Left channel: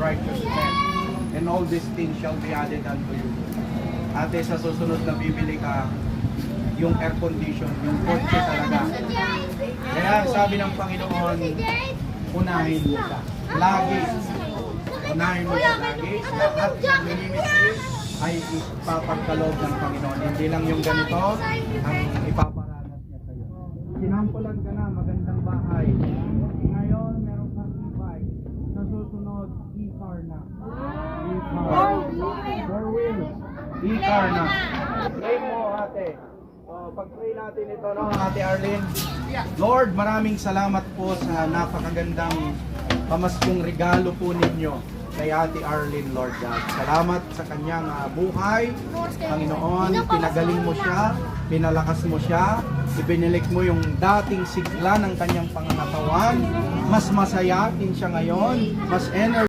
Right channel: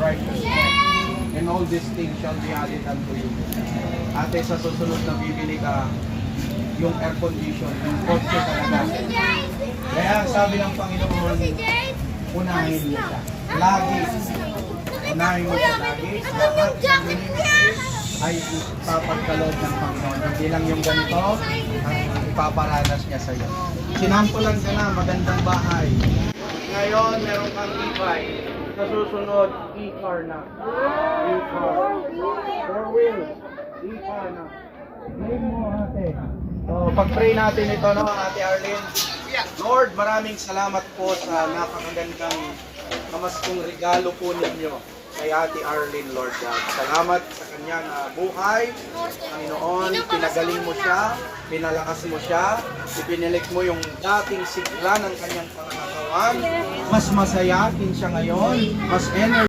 righteousness, and all these things shall be added unto you. Ate, sa susunod na bibili ka, yung air condition, yung kotse talaga. Kaya sabi ng Panginoon, unahin mo siya. Lagi. Unahin mo siya lagi. Lahat ng minimit ay ipapagkaloob ng Panginoon. Hindi lang yung ganito, ang ipaparanas niya sa iyo. Sinampulan ka na, magandang bahay. Ngayon, meron kang e-bike. Sa susunod, e-car na. E-car. Four wheels. E-car na. Pray mo, ate. So, pag-pray natin ito, no, Ate Arlene. Lord, maraming salamat po sa napakagandang pamaskong regalo po ninyo kay Ate Arlene, Lord God. Salamat sa kanyang buhay. Panginoon, pinagaling mo siya, pinalakas mo siya, ibinilik mo yung dating sigla ng kanyang pangangatawan. Mas masayatin siya ngayon, mas energy.